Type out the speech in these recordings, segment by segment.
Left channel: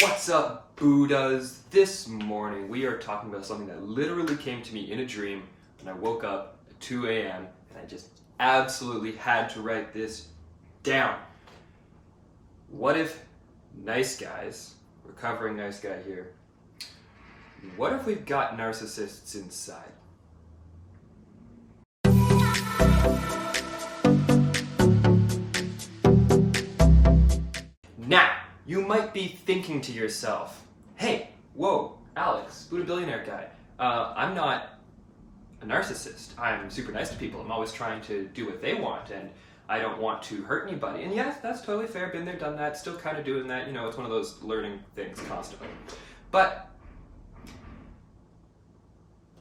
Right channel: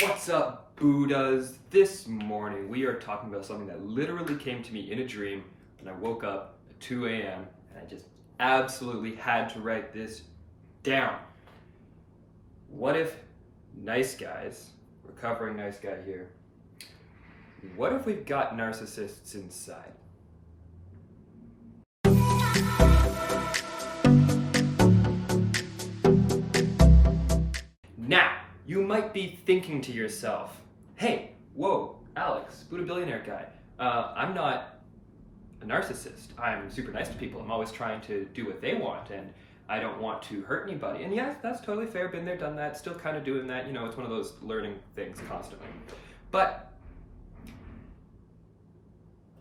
What's up, Buddhas? This morning we are talking about something that literally came to me in a dream when I woke up at 2 a.m. and I just absolutely had to write this down. What if nice guys, recovering nice guy here, what if we've got narcissists inside? Now, you might be thinking to yourself, hey, whoa, Alex, Buddha billionaire guy, I'm not a narcissist. I'm super nice to people. I'm always trying to do what they want and I don't want to hurt anybody. And yes, that's totally fair. Been there, done that, still kind of doing that. You know, it's one of those learning things constantly. But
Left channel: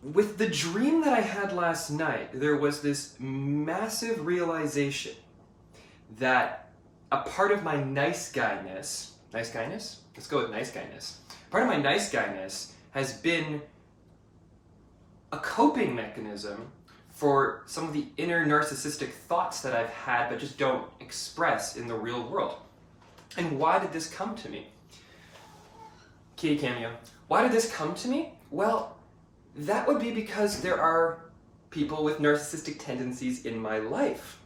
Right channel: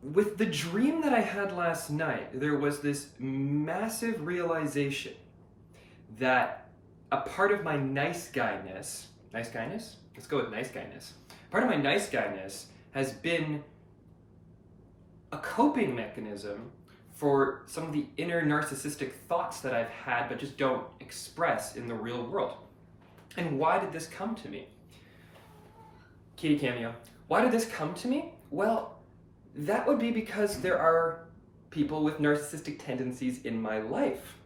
with the dream that I had last night, there was this massive realization that a part of my nice guyness, Let's go with nice guyness. Part of my nice guyness has been a coping mechanism for some of the inner narcissistic thoughts that I've had but just don't express in the real world. And why did this come to me? Kitty cameo. Why did this come to me? Well, that would be because there are people with narcissistic tendencies in my life.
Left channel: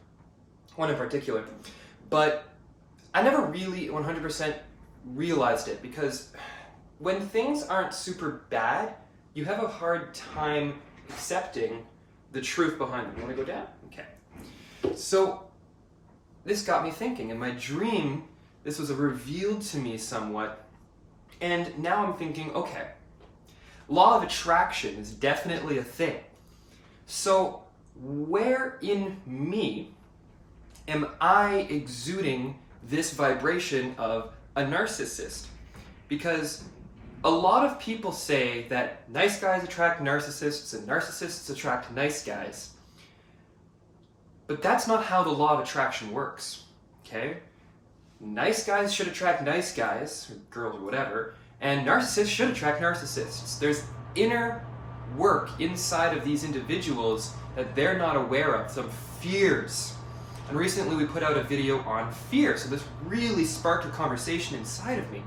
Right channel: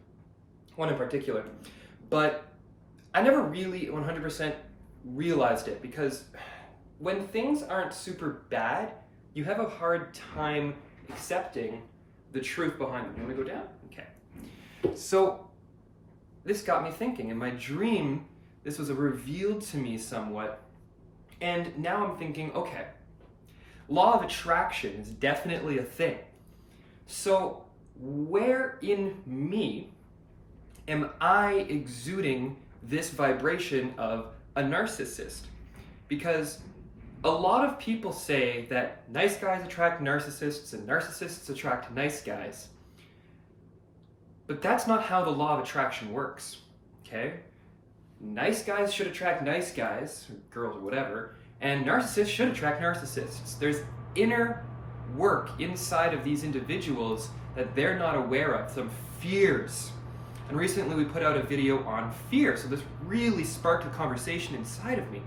One in particular. But I never really 100% realized it because when things aren't super bad, you have a hard time accepting the truth behind them. You want to go down? Okay. So this got me thinking. In my dream, this was revealed to me somewhat. And now I'm thinking, okay, law of attraction is definitely a thing. So where in me am I exuding this vibration of a narcissist? Because a lot of people say that nice guys attract narcissists and narcissists attract nice guys. But that's not how the law of attraction works, okay? Nice guys should attract nice guys, or girls or whatever, and narcissists should attract narcissists. There's inner work inside of these individuals that they're not aware of, some fears. And recently we put out a video on fear, so this really sparked a conversation inside of me.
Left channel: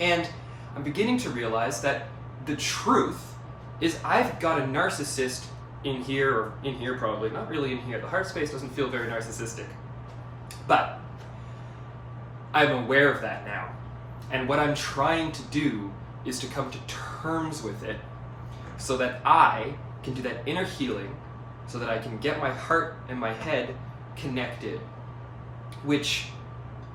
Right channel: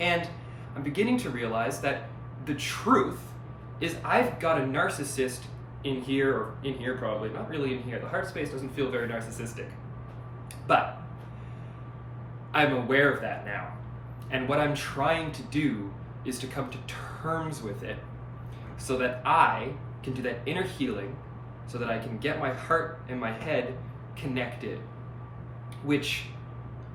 And I'm beginning to realize that the truth is I've got a narcissist in here, or in here probably, not really in here. The heart space doesn't feel very narcissistic. But I'm aware of that now. And what I'm trying to do is to come to terms with it so that I can do that inner healing, so that I can get my heart and my head connected, which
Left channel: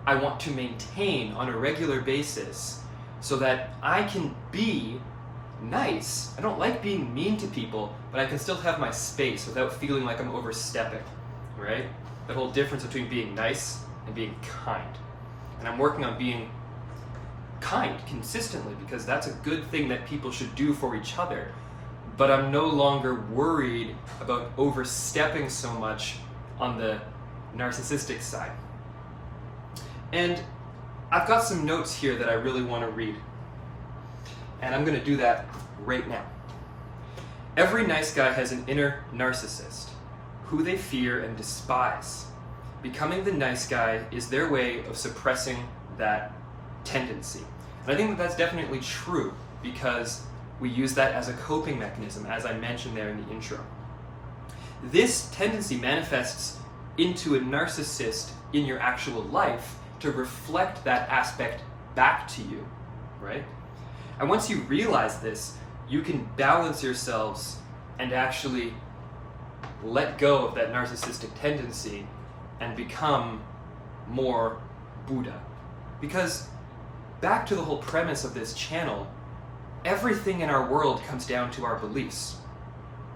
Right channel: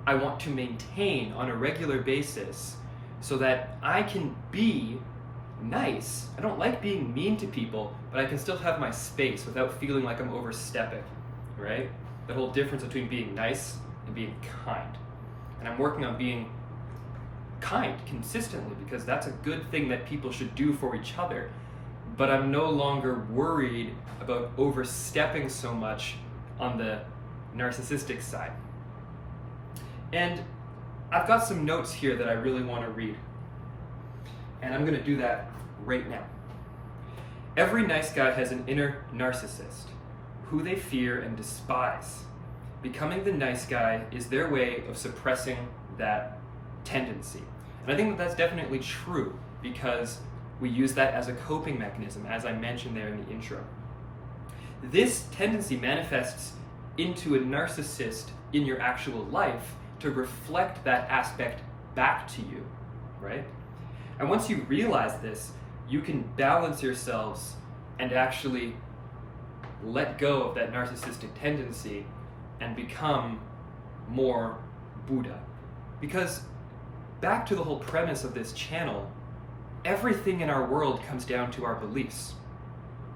I want to maintain on a regular basis so that I can be nice. I don't like being mean to people, but I can still have my space without feeling like I'm overstepping, right? The whole difference between being nice and being kind. And I'm working on being kind consistently because that's a good thing that people should do for each other. But I'm no longer worried about overstepping so much on the narcissistic side. And I've got some notes here that I really want to read. And I'm going to do that right now. Every nice guy has an inner narcissist, who they fear and despise. Becoming the nice guy is their way of suppressing that tendency. And I think that that's definitely true because we use that as a coping mechanism, as I mentioned there in the intro. This tendency manifests into a narcissist in your actual life to reflect that aspect back to you, right? And once you realize this, you can balance yourselves and actually let go of that narcissistic tendency and become more Buddha. Because back to the whole premise of this channel, everything in our world comes down to our beliefs.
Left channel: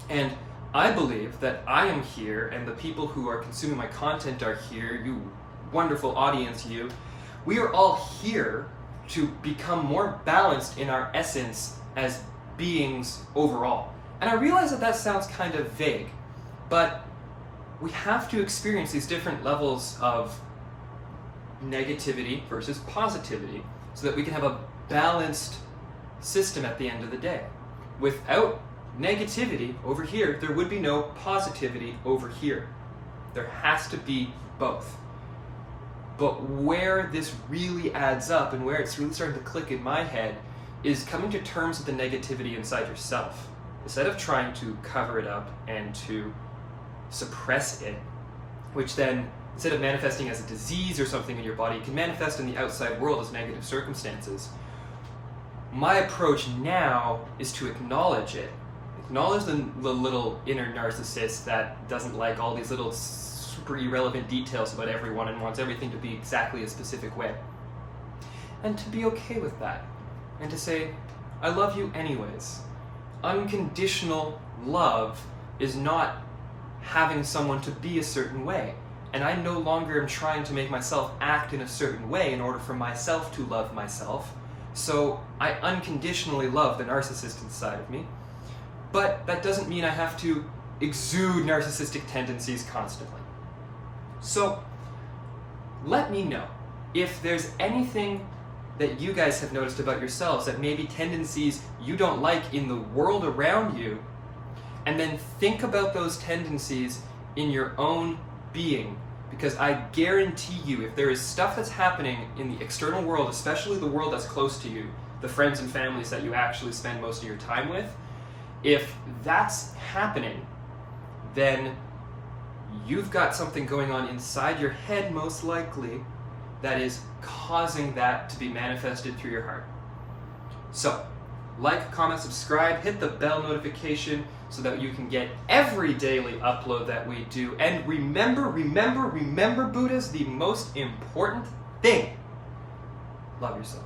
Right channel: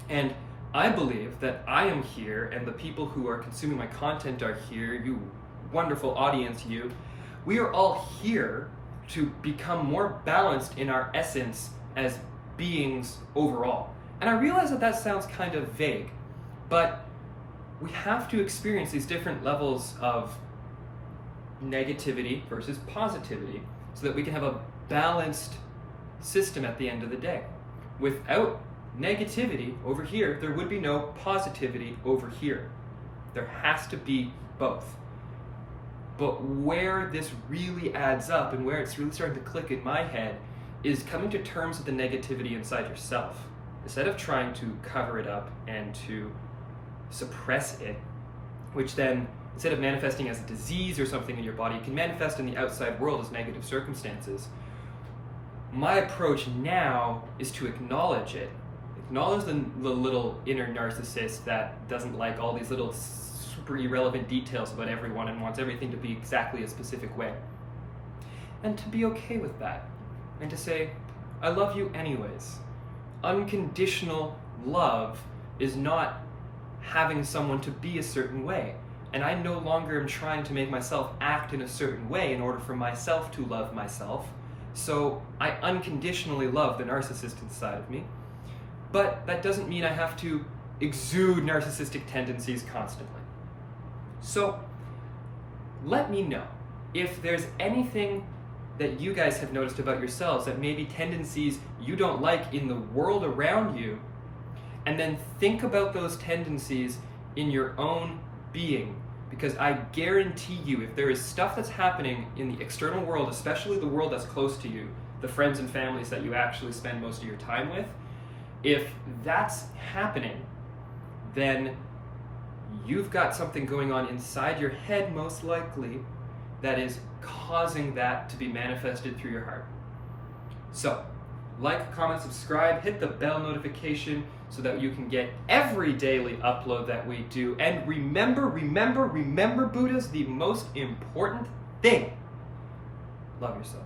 And I believe that I am here and the people who are consuming my content are here, you wonderful audience, we are all here to become more balanced in our essence as beings overall. And I realize that that sounds kind of vague, but we have to experience these different levels of negativity versus positivity so that we can have a balanced system at the end of the day. Without negativity over here, there would be no positivity over here. There has to be both. But where this really adds up and where it's really starting to click in my head is coming to terms with the negativity inside yourself. Instead of trying to cover it up and to suppress it, which then, instead of manifesting as a disease or something in your body, can manifest in the outside world as negative circumstances. My approach now is to acknowledge it. Acknowledge the little inner narcissist that doesn't like all these little super irrelevant details about everyone and wants everything to be exactly a specific way. And to be okay with that. And to say, I love you anyways. Unconditional love is not having someone to be a certain way. And I no longer am trying to make myself act in a certain way in order for myself to love myself. So I unconditionally love the narcissist inside of me. But that doesn't mean I have to exude narcissistic tendencies constantly. So let me know if there's anything that you guys have noticed about yourselves that maybe tendencies you don't like in the world around you, and then think about those tendencies in your own being, because I guarantee you if there is stuff that's happening in the external world, especially the world that's close to you, the friends and families that you actually spend most of your time with, if that's happening, then you've got something going on inside your head most likely that is causing that to be manifested through your heart. So, like, comment, subscribe, hit the bell notification so that you can get every daily upload that we do. And remember, Buddha's the most important thing. Love yourself.